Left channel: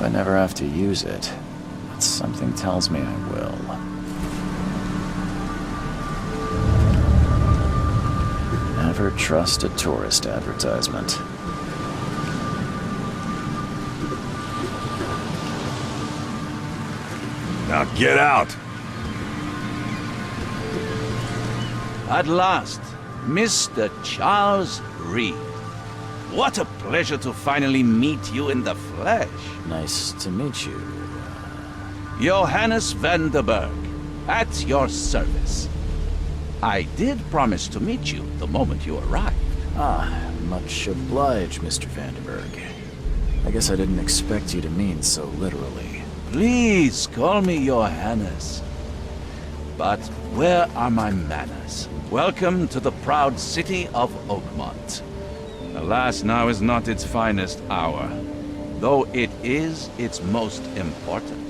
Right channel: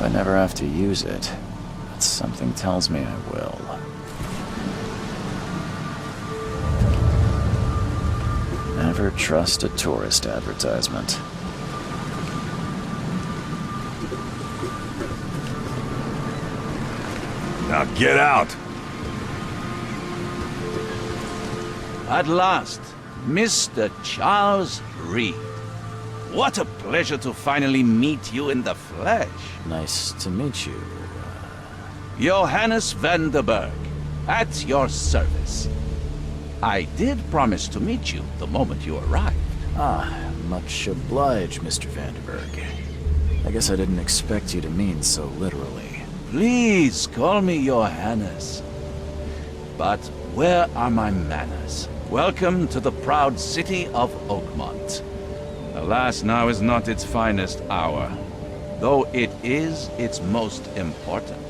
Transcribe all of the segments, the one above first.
I never have to use it, but something tells me I will. Never trust a tourist advertisement. Now get out! At last, Mr. Charles Reed. What a pleasure to finally meet you in the flesh. Nice to meet you. Johannes van der Berg, at your service. I did promise to meet you the moment you arrived. Much obliged, Mr. Vanderberg. I guess I didn't expect you to mean so literally. Please call me Johannes. But where are my manners? Welcome to the proud city of Oakmont. Alas, now is not its finest hour, though it is its most important.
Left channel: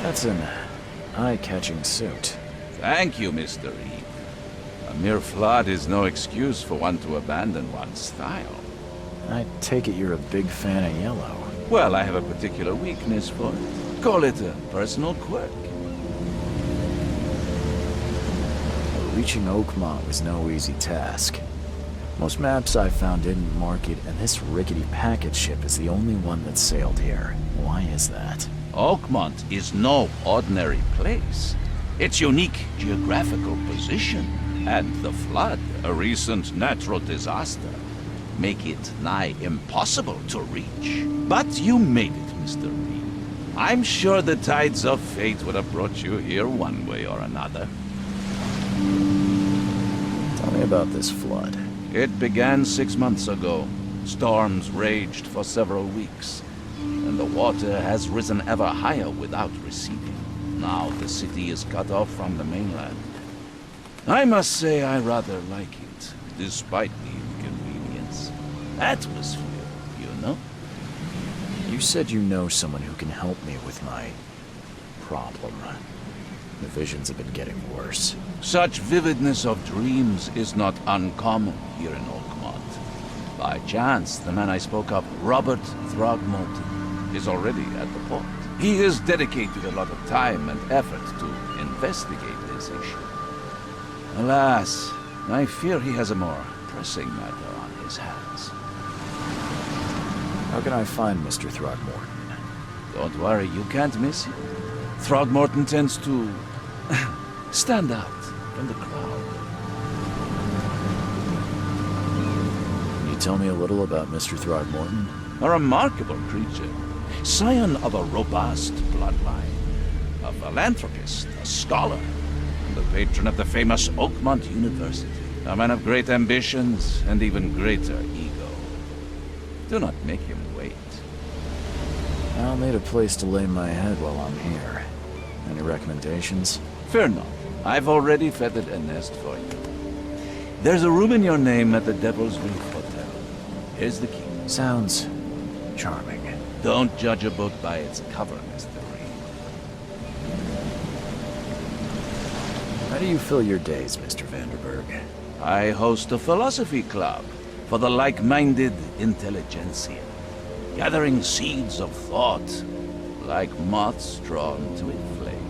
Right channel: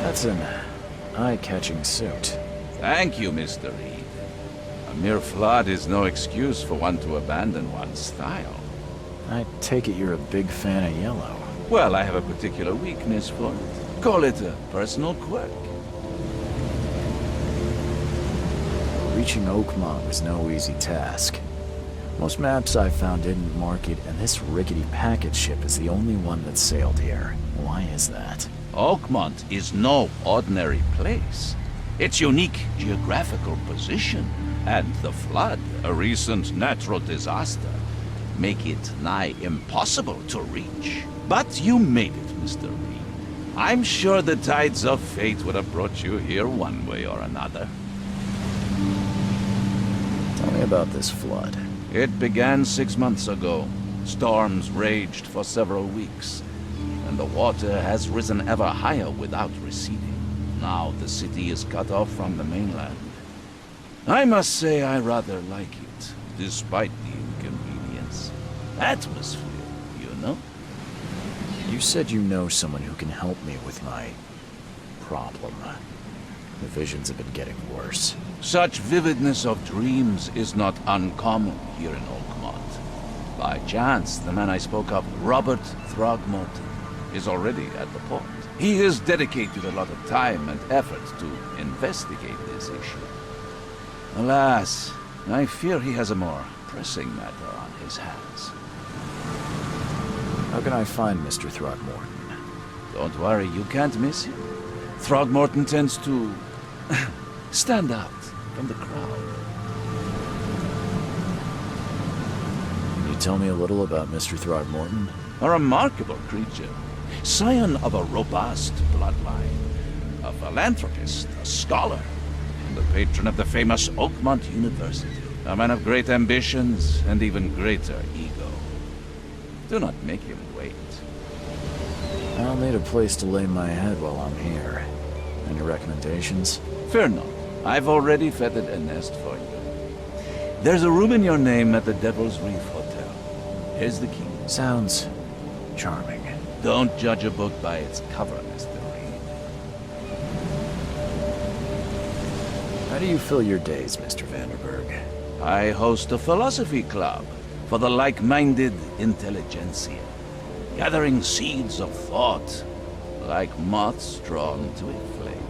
That's an eye-catching suit. Thank you, Mr. Reed. A mere flood is no excuse for one to abandon one's style. I take it you're a big fan of yellow. Well, I have a particular weakness for it. Call it a personal quirk. Reaching Oakmont was no easy task. Most maps I found didn't mark it, and this rickety packet ship is the only one that sailed here. Why is that? Oakmont is no ordinary place. Its unique geographical position and the flood, a recent natural disaster, make it nigh impossible to reach. But you made it, Mr. Reed. I'm sure the tides of fate would have brought you here one way or another. Tell me about this flood. It began 6 months ago. Storms raged for several weeks, and the water has risen ever higher without receding. Now the city is cut off from the mainland. I must say I rather like it, despite the inconvenience. Atmosphere, you know? You said you know someone who can help me with my problem. The visions have been getting worse. Such vividness of dreams is not uncommon here in Oakmont. By chance, the man I spoke of, Robert Throgmorton, is already at the port. He has dedicated a lot of time and effort to investigate this issue. Alas, I fear he has a more pressing matter on his hands. How can I find Mr. Throgmorton? Don't worry, you can't miss him. Throgmorton tends to stand out from the crowd. Can you tell me a little about Mr. Throgmorton? A remarkable creature. Scion of a robust bloodline. A philanthropist, a scholar, and the patron of the famous Oakmont University. A man of great ambitions and even greater ego. Do not make him wait. I'll need a place to lay my head while I'm here. Any recommendations? Fear not. I've already feathered a nest for you. There's a room in your name at the Devil's Reef Hotel. Here's the key. Sounds charming. Don't judge a book by its cover, Mr. Reed. How do you fill your days, Mr. Vanderberg? I host a philosophy club for the like-minded intelligentsia, gathering seeds of thought like moths drawn to a flame.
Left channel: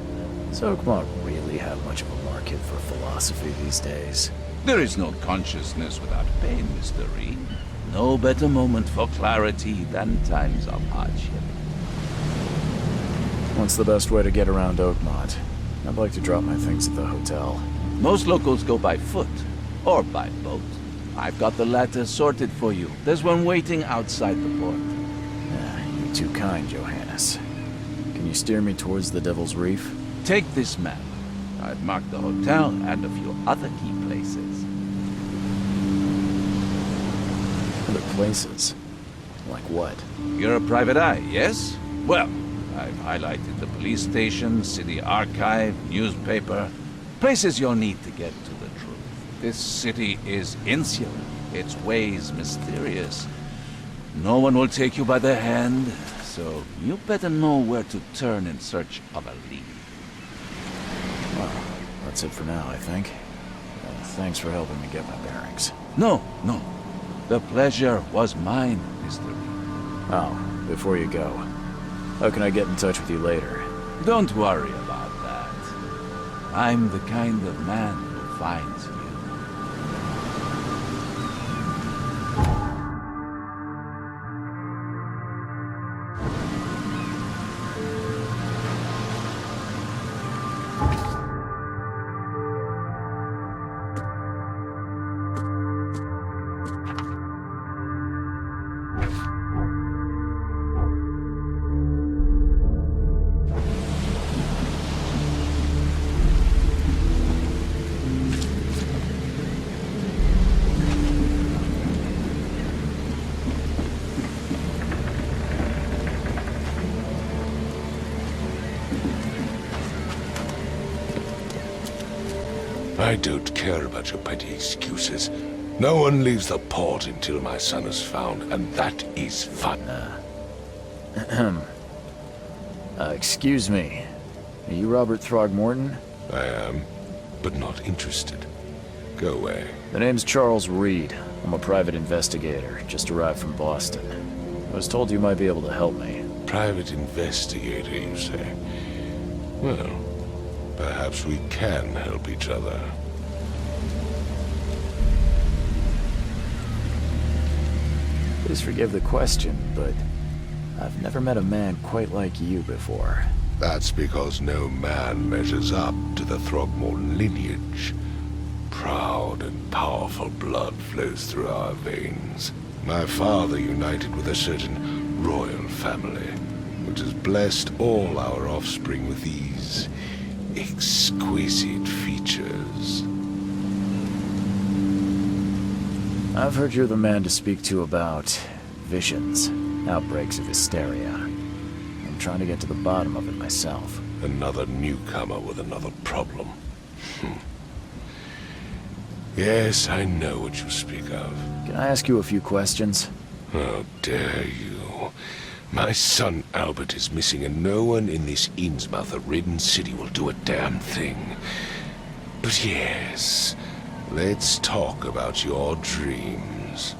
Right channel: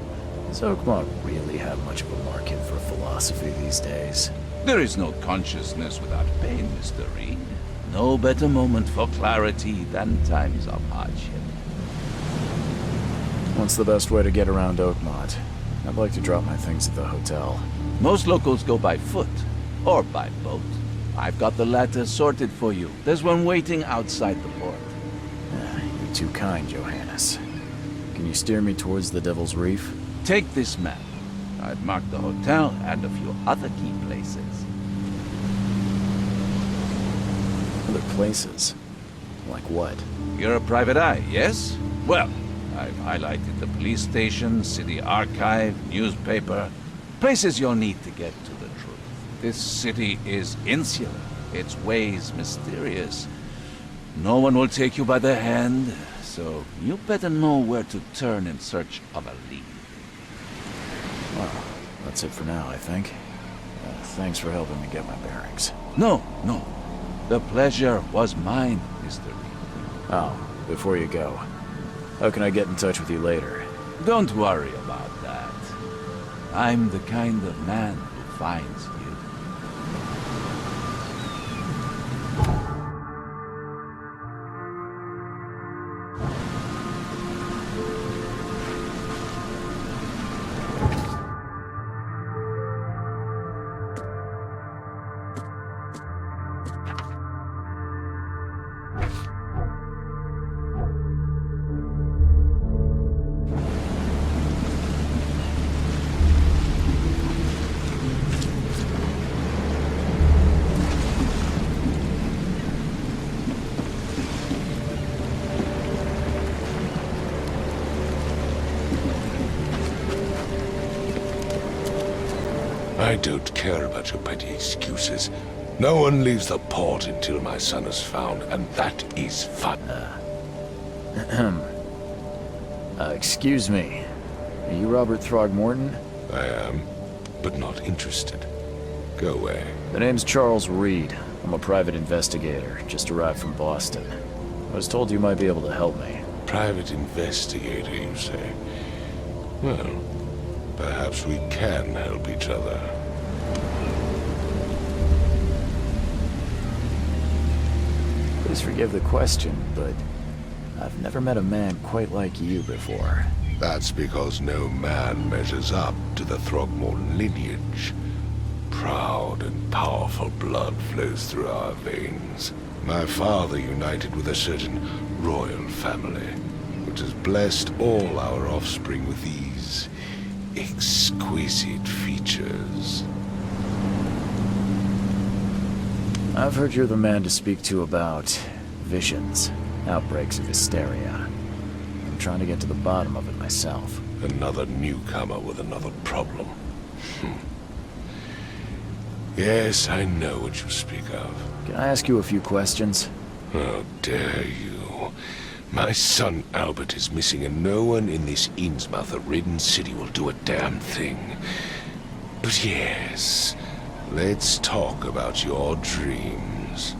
Does Oakmont really have much of a market for philosophy these days? There is no consciousness without pain, Mr. Reed. No better moment for clarity than times of hardship. What's the best way to get around Oakmont? I'd like to drop my things at the hotel. Most locals go by foot, or by boat. I've got the latter sorted for you. There's one waiting outside the port. You're too kind, Johannes. Can you steer me towards the Devil's Reef? Take this map. I've marked the hotel and a few other key places. Other places? Like what? You're a private eye, yes? Well, I've highlighted the police station, city archive, newspaper. Places you'll need to get to the truth. This city is insular, its ways mysterious. No one will take you by the hand, so you better know where to turn in search of a lead. Well, that's it for now, I think. Thanks for helping me get my bearings. No. The pleasure was mine, Mr. Reed. Oh, before you go, how can I get in touch with you later? Don't worry about that. I'm the kind of man who finds you. I don't care about your petty excuses. No one leaves the port until my son is found, and that is fun. Excuse me. Are you Robert Throgmorton? I am, but not interested. Go away. The name's Charles Reed. I'm a private investigator, just arrived from Boston. I was told you might be able to help me. Private investigator, you say? Well, perhaps we can help each other. Please forgive the question, but I've never met a man quite like you before. That's because no man measures up to the Throgmorton lineage. Proud and powerful blood flows through our veins. My father united with a certain royal family, which has blessed all our offspring with these exquisite features. I've heard you're the man to speak to about visions, outbreaks of hysteria. I'm trying to get to the bottom of it myself. Another newcomer with another problem. Yes, I know what you speak of. Can I ask you a few questions? How dare you? My son Albert is missing, and no one in this Innsmouth-ridden city will do a damn thing. But yes, let's talk about your dreams.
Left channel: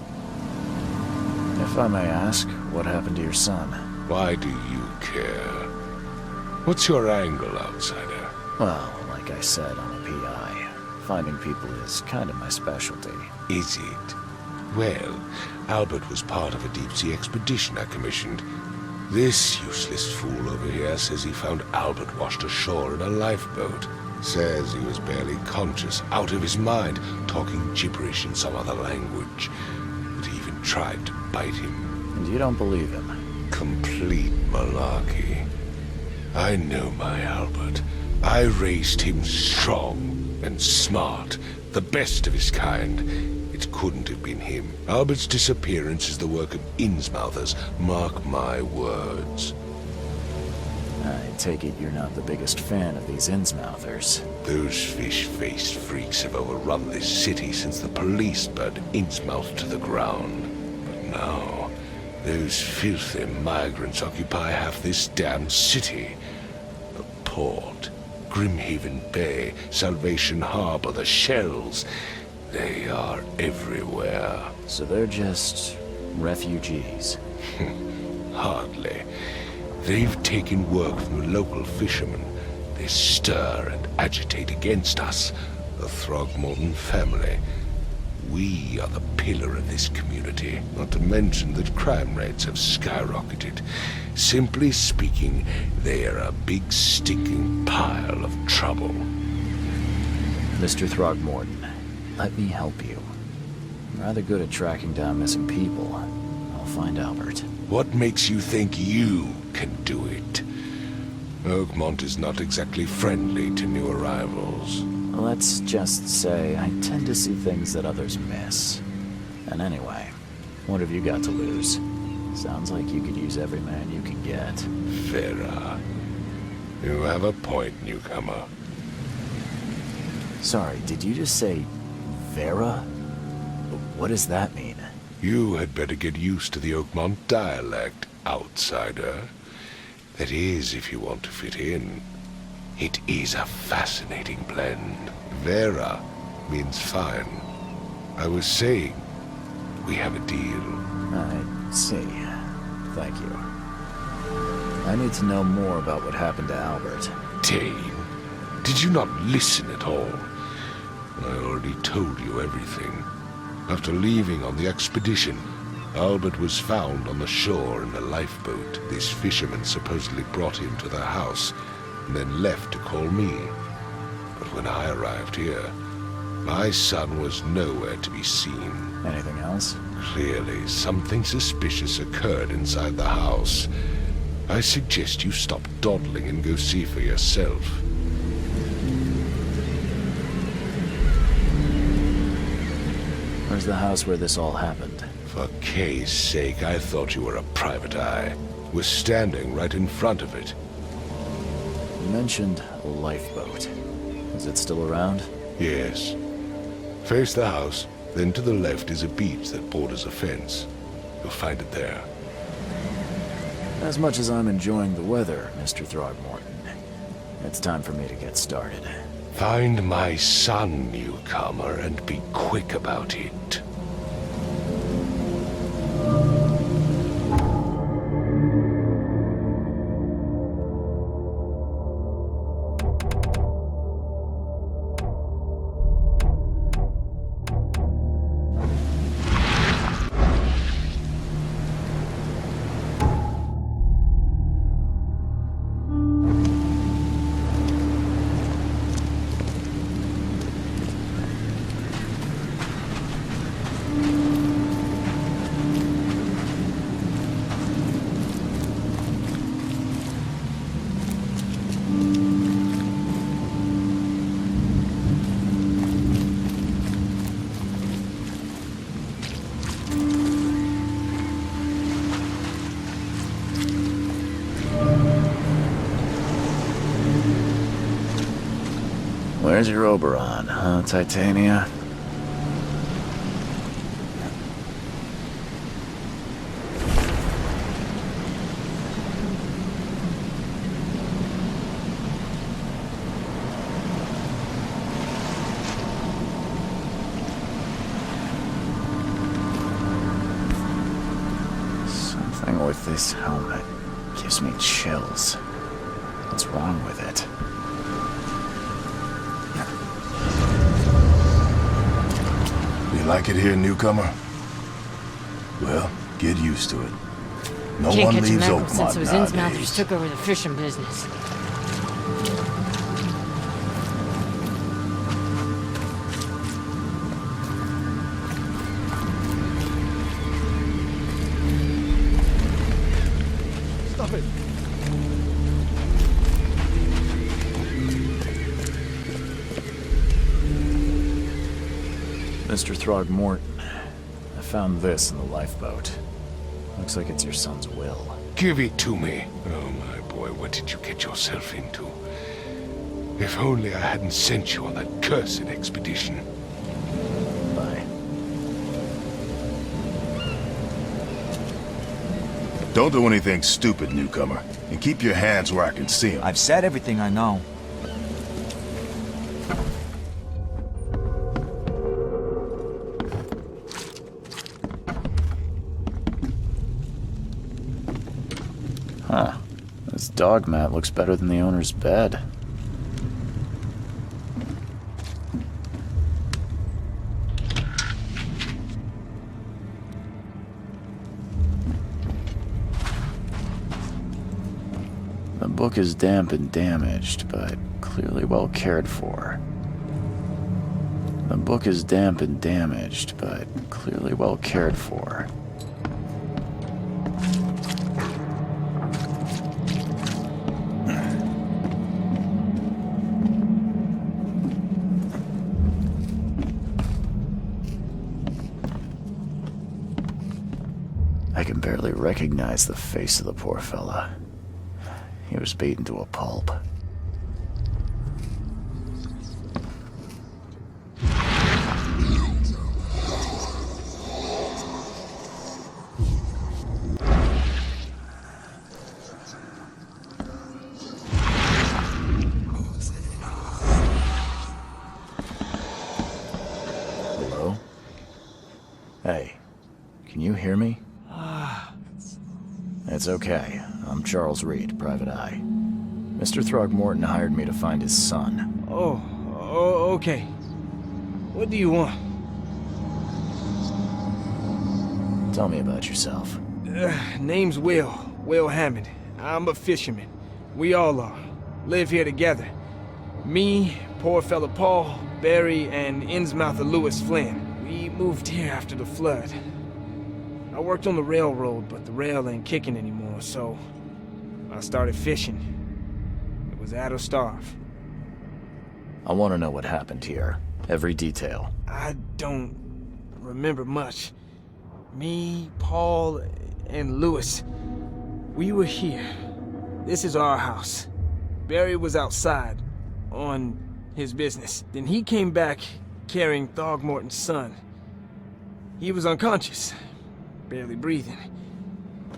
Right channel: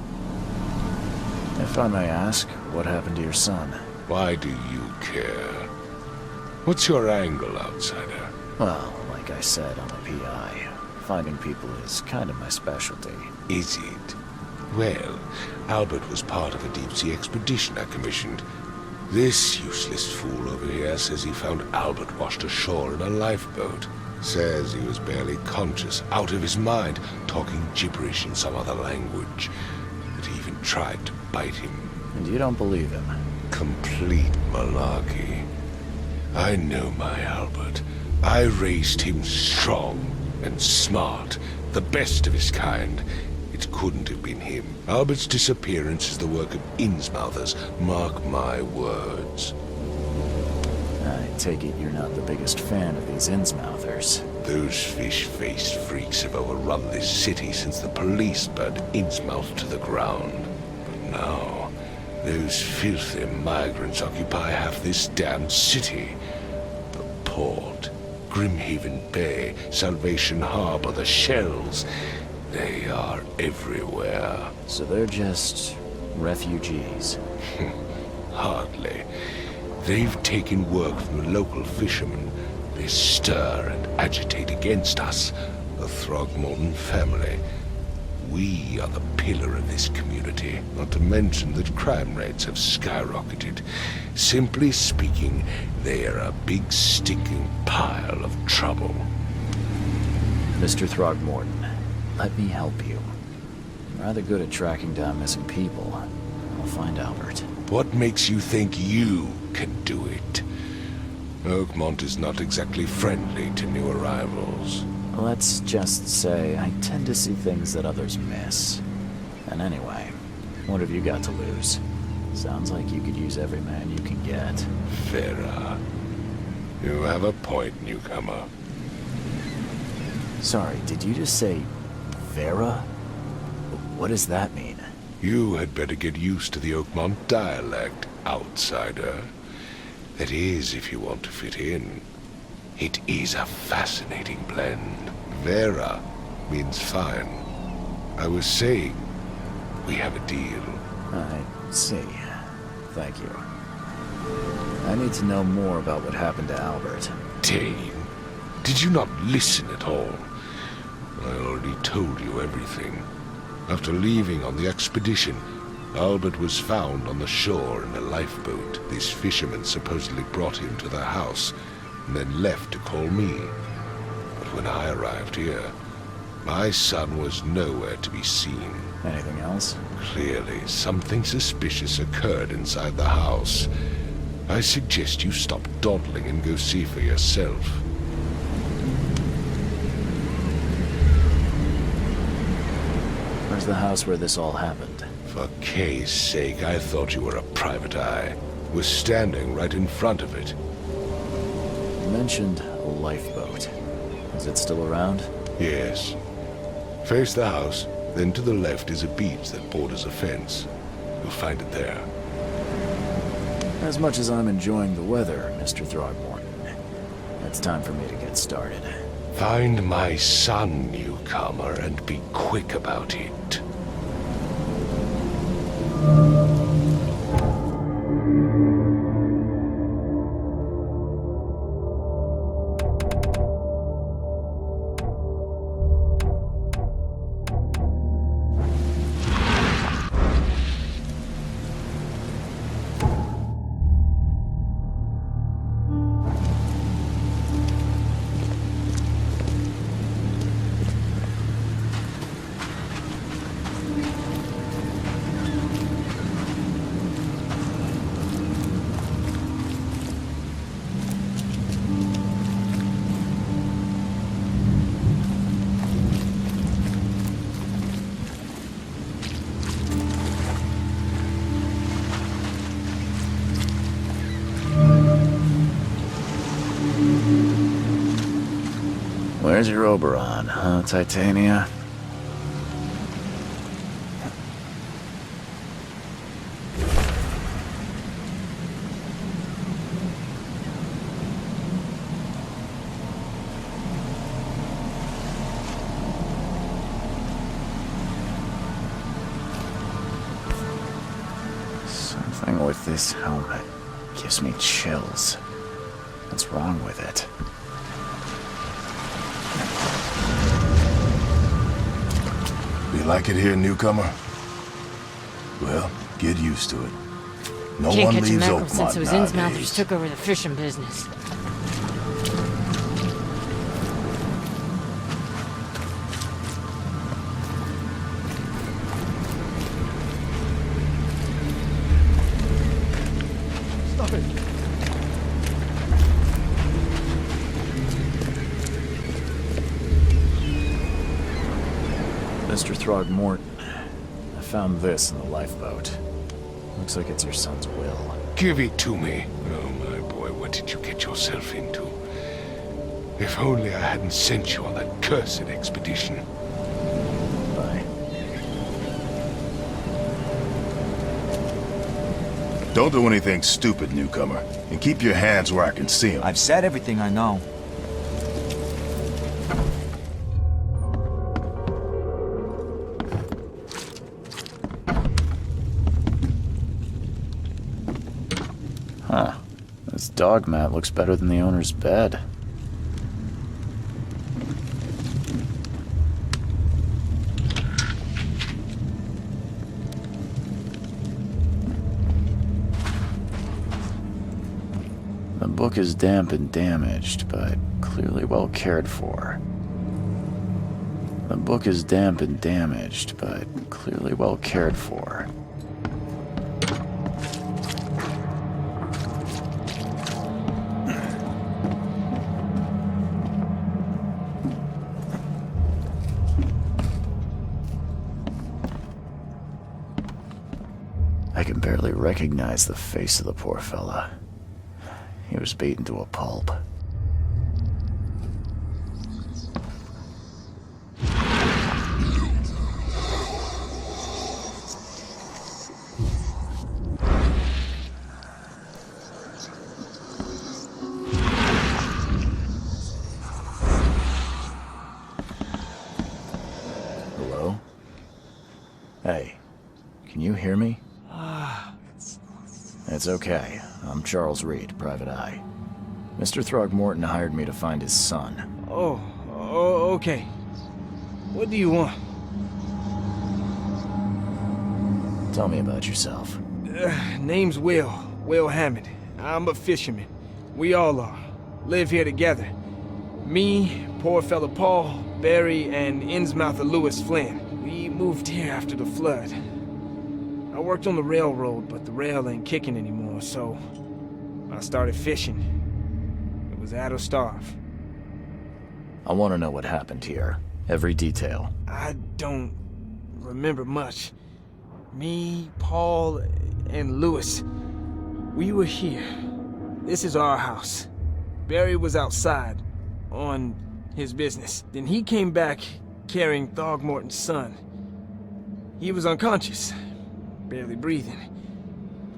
If I may ask, what happened to your son? Why do you care? What's your angle, outsider? Well, like I said, I'm a PI. Finding people is kind of my specialty. Is it? Well, Albert was part of a deep-sea expedition I commissioned. This useless fool over here says he found Albert washed ashore in a lifeboat. Says he was barely conscious, out of his mind, talking gibberish in some other language. That he even tried to bite him. And you don't believe him? Complete malarkey. I know my Albert. I raised him strong and smart, the best of his kind. It couldn't have been him. Albert's disappearance is the work of Innsmouthers, mark my words. I take it you're not the biggest fan of these Innsmouthers. Those fish-faced freaks have overrun this city since the police burned Innsmouth to the ground. But now, those filthy migrants occupy half this damned city. The port, Grimhaven Bay, Salvation Harbor, the shells. They are everywhere. So they're just refugees? Hardly. They've taken work from the local fishermen. They stir and agitate against us, the Throgmorton family. We are the pillar of this community, not to mention that crime rates have skyrocketed. Simply speaking, they are a big stinking pile of trouble. Mr. Throgmorton, let me help you. I'm rather good at tracking down missing people. I'll find Albert. What makes you think you can do it? Oakmont is not exactly friendly to new arrivals. Let's just say I tend to see things that others miss. And anyway, what have you got to lose? Sounds like you could use every man you can get. Vera. You have a point, newcomer. Sorry, did you just say Vera? What does that mean? You had better get used to the Oakmont dialect, outsider. That is, if you want to fit in. It is a fascinating blend. Vera means fine. I was saying, we have a deal. I see. Thank you. I need to know more about what happened to Albert. Dane, did you not listen at all? I already told you everything. After leaving on the expedition, Albert was found on the shore in a lifeboat. These fishermen supposedly brought him to their house, and then left to call me. But when I arrived here, my son was nowhere to be seen. Anything else? Clearly, something suspicious occurred inside the house. I suggest you stop dawdling and go see for yourself. Where's the house where this all happened? For Kay's sake, I thought you were a private eye. We're standing right in front of it. You mentioned a lifeboat. Is it still around? Yes. Face the house, then to the left is a beach that borders a fence. You'll find it there. As much as I'm enjoying the weather, Mr. Throgmorton, it's time for me to get started. Find my son, newcomer, and be quick about it. Where's your Oberon, huh, Titania? Something with this helmet gives me chills. What's wrong with it? You like it here, newcomer? Well, get used to it. No Can't one catch a leaves mackerel Oakmont since those nowadays. Innsmouthers took over the fishing business. Stop it! Mr. Throgmorton, I found this in the lifeboat. Looks like it's your son's will. Give it to me. Oh, my boy, what did you get yourself into? If only I hadn't sent you on that cursed expedition. Bye. Don't do anything stupid, newcomer. And keep your hands where I can see them. I've said everything I know. Huh. This dog mat looks better than the owner's bed. The book is damp and damaged, but clearly well cared for. The book is damp and damaged, but clearly well cared for. I can barely recognize the face of the poor fella. He was beaten to a pulp. Hello? Hey, Can you hear me? It's okay. I'm Charles Reed, Private Eye. Mr. Throgmorton hired me to find his son. Oh, okay. What do you want? Tell me about yourself. Name's Will Hammond. I'm a fisherman. We all are. Live here together. Me, poor fella Paul, Barry, and Innsmouther Lewis Flynn. We moved here after the flood. I worked on the railroad, but the rail ain't kicking anymore, so I started fishing. It was add or starve. I want to know what happened here. Every detail. I don't remember much. Me, Paul, and Lewis, we were here. This is our house. Barry was outside, on his business. Then he came back carrying Throgmorton's son. He was unconscious, barely breathing.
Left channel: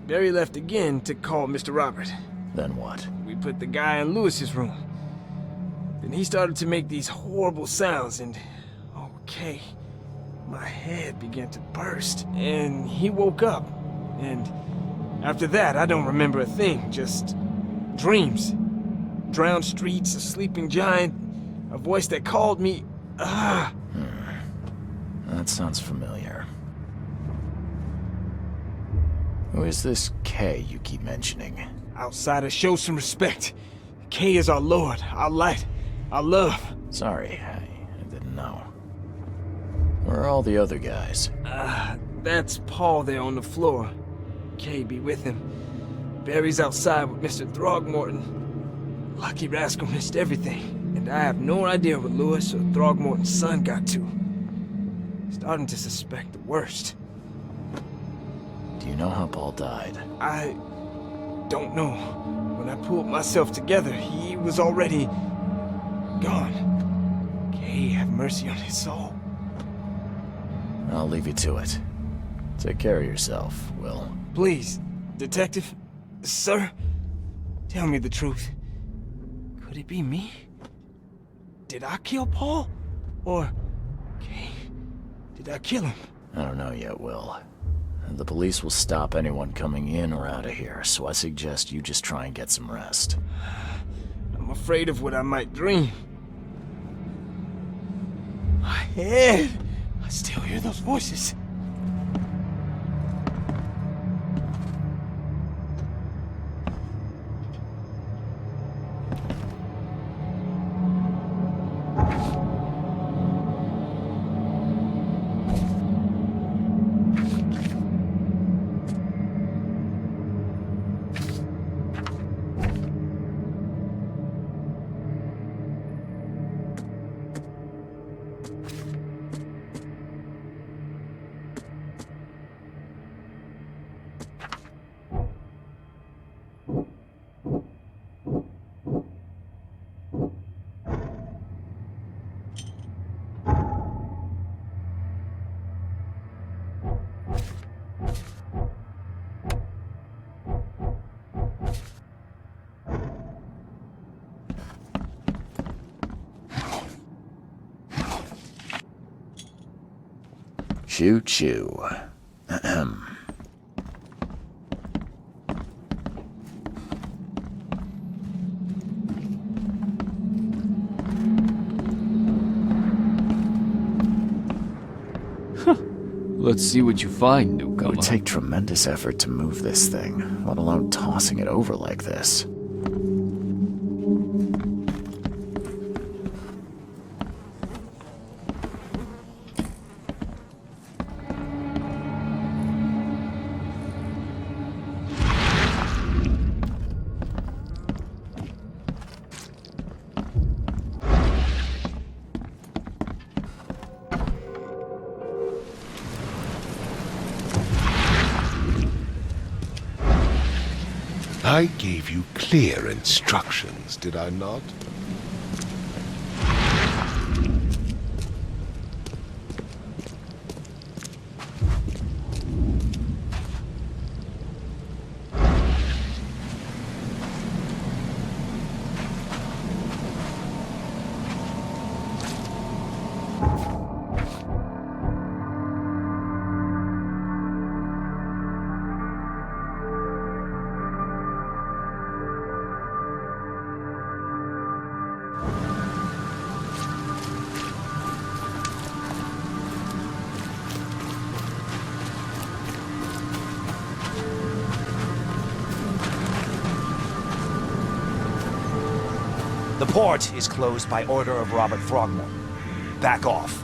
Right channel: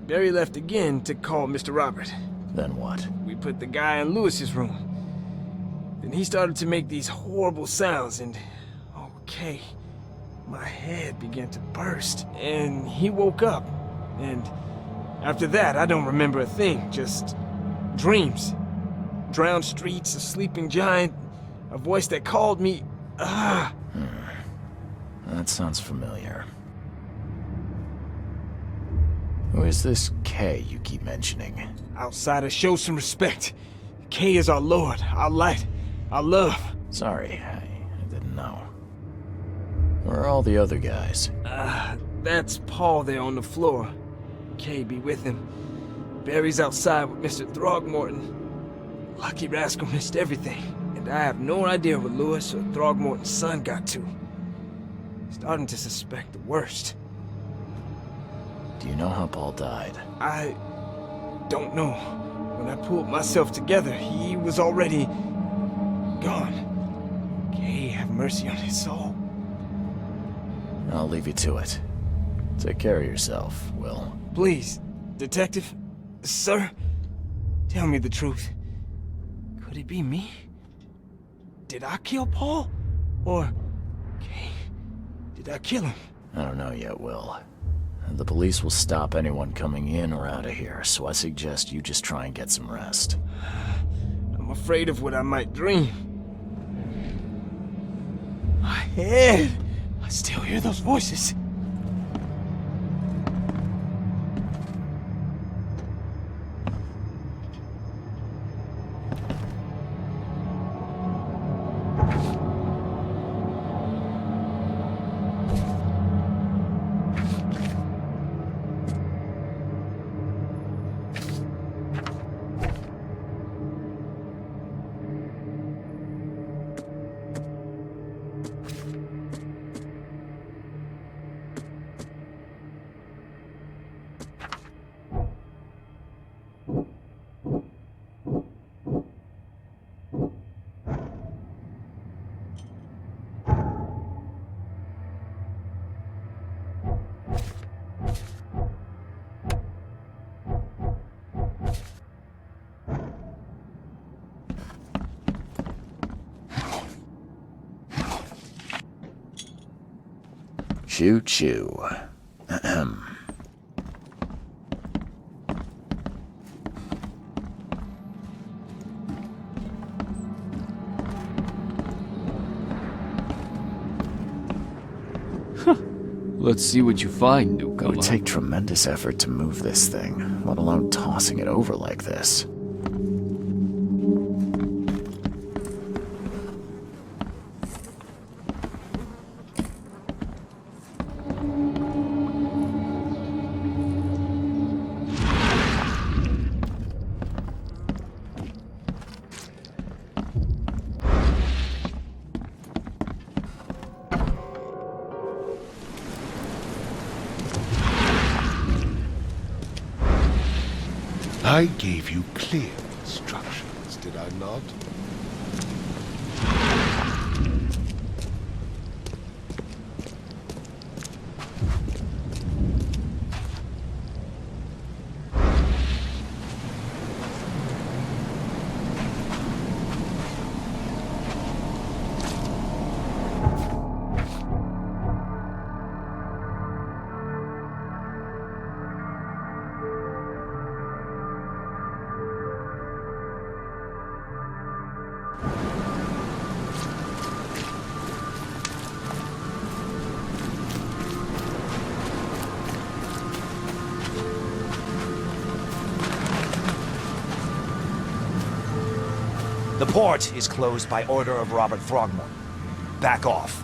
Barry left again to call Mr. Robert. Then what? We put the guy in Lewis's room. Then he started to make these horrible sounds and... okay, my head began to burst, and he woke up. And after that, I don't remember a thing, just dreams. Drowned streets, a sleeping giant, a voice that called me. That sounds familiar. Who is this K you keep mentioning? Outsider, show some respect. K is our lord, our light, our love. Sorry, I didn't know. Where are all the other guys? That's Paul there on the floor. K be with him. Barry's outside with Mr. Throgmorton. Lucky rascal missed everything, and I have no idea what Lewis or Throgmorton's son got to. Starting to suspect the worst. Do you know how Paul died? I don't know. When I pulled myself together, he was already gone. K have mercy on his soul. I'll leave you to it. Take care of yourself, Will. Please, Detective, sir, tell me the truth. Could it be me? Did I kill Paul? Or, K, did I kill him? I don't know yet, Will. The police will stop anyone coming in or out of here, so I suggest you just try and get some rest. I'm afraid of what I might dream. My head! I still hear those voices. Choo-choo. Ahem. Let's see what you find, It newcomer. would take tremendous effort to move this thing, let alone tossing it over like this. I gave you clear instructions, did I not? The port is closed by order of Robert Throgmorton. Back off.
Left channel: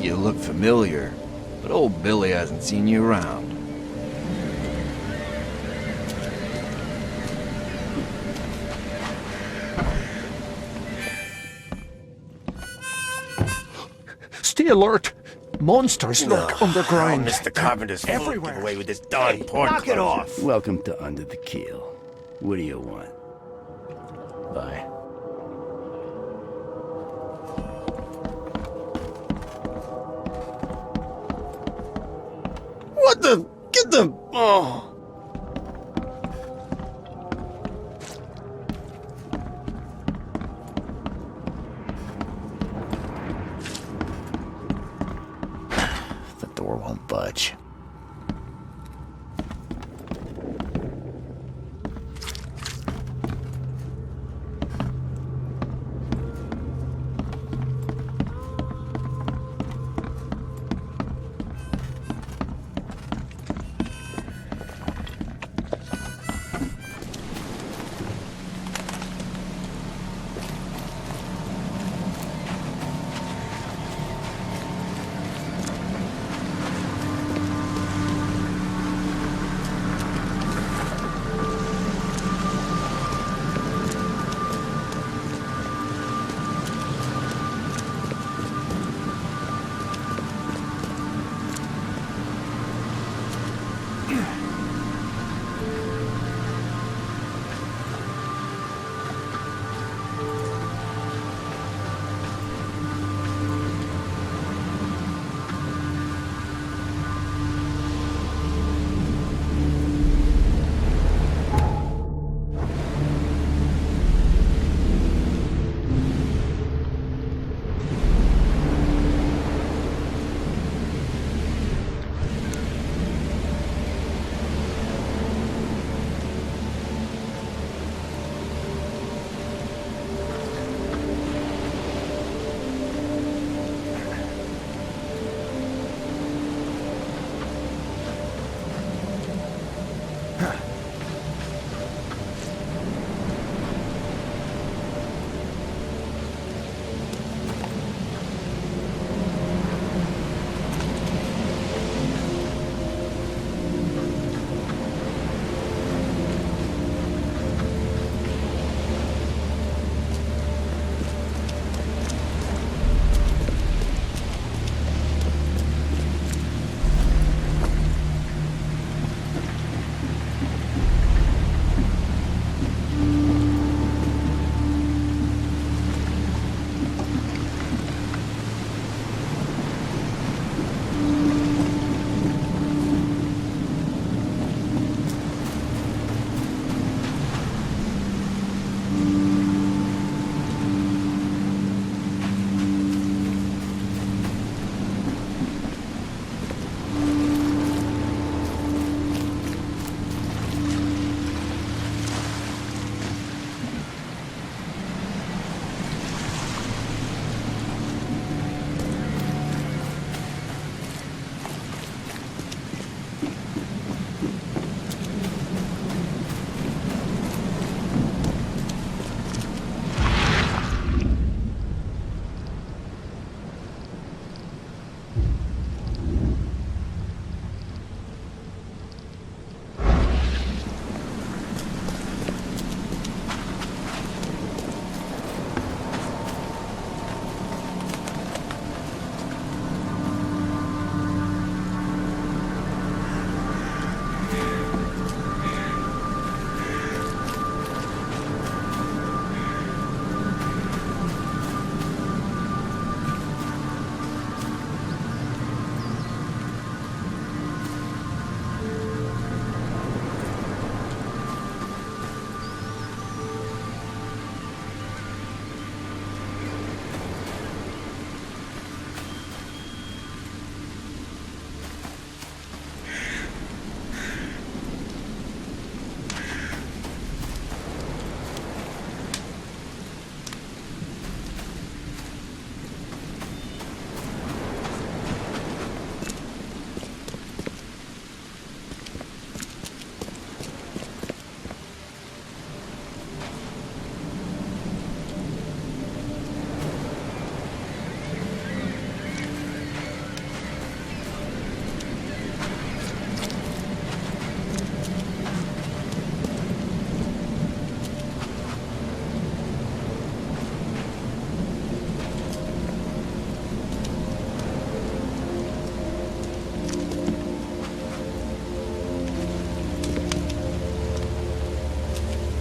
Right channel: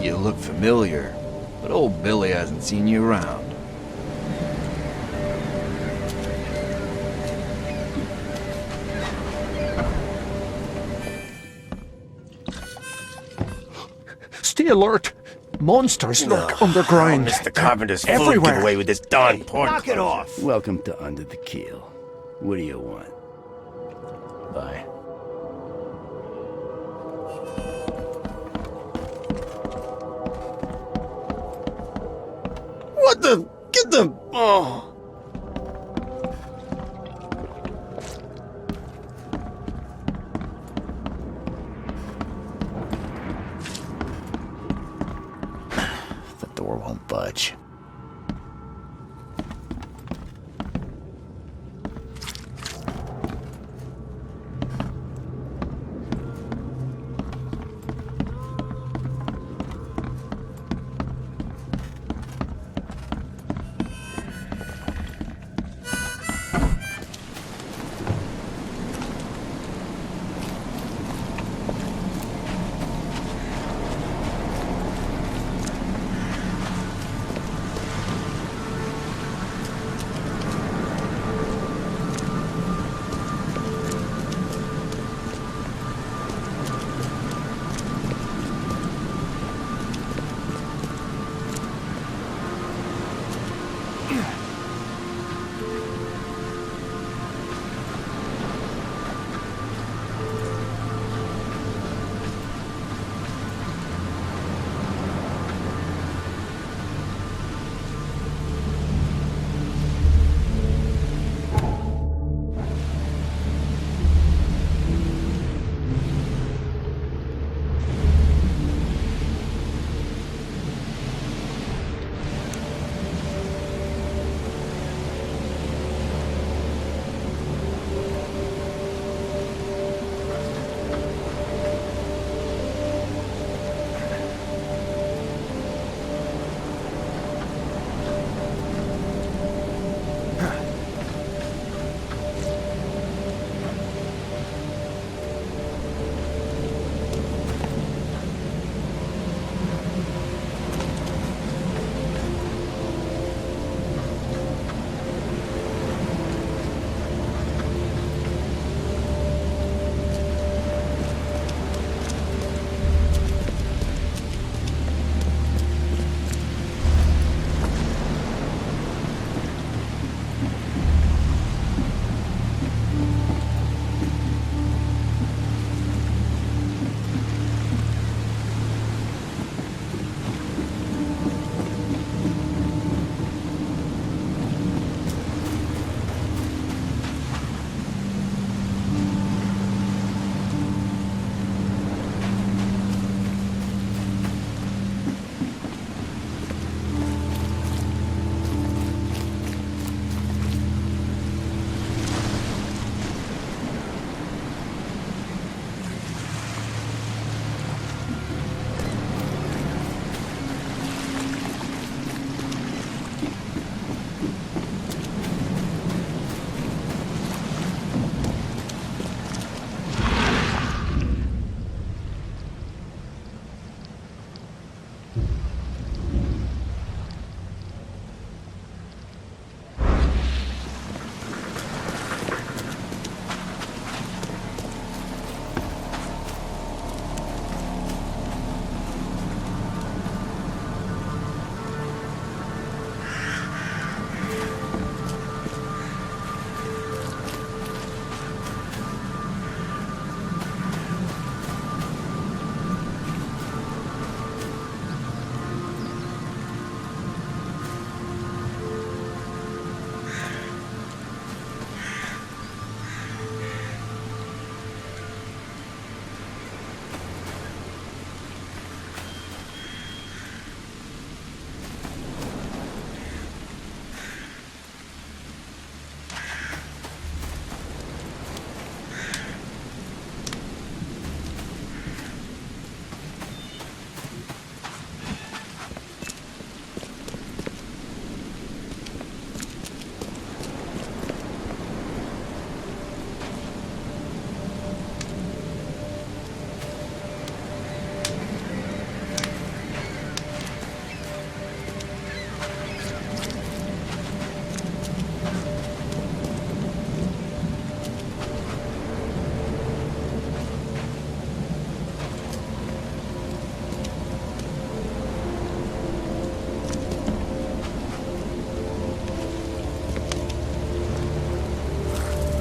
You look familiar, but old Billy hasn't seen you around. Stay alert! Monsters lurk underground. Mr. Carpenter's fool Everywhere. get away with this darn port. Knock it off! Welcome to Under the Keel. What do you want? Bye. What the? Get the... Oh. The door won't budge.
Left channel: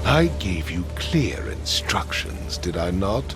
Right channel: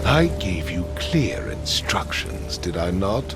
I gave you clear instructions, did I not?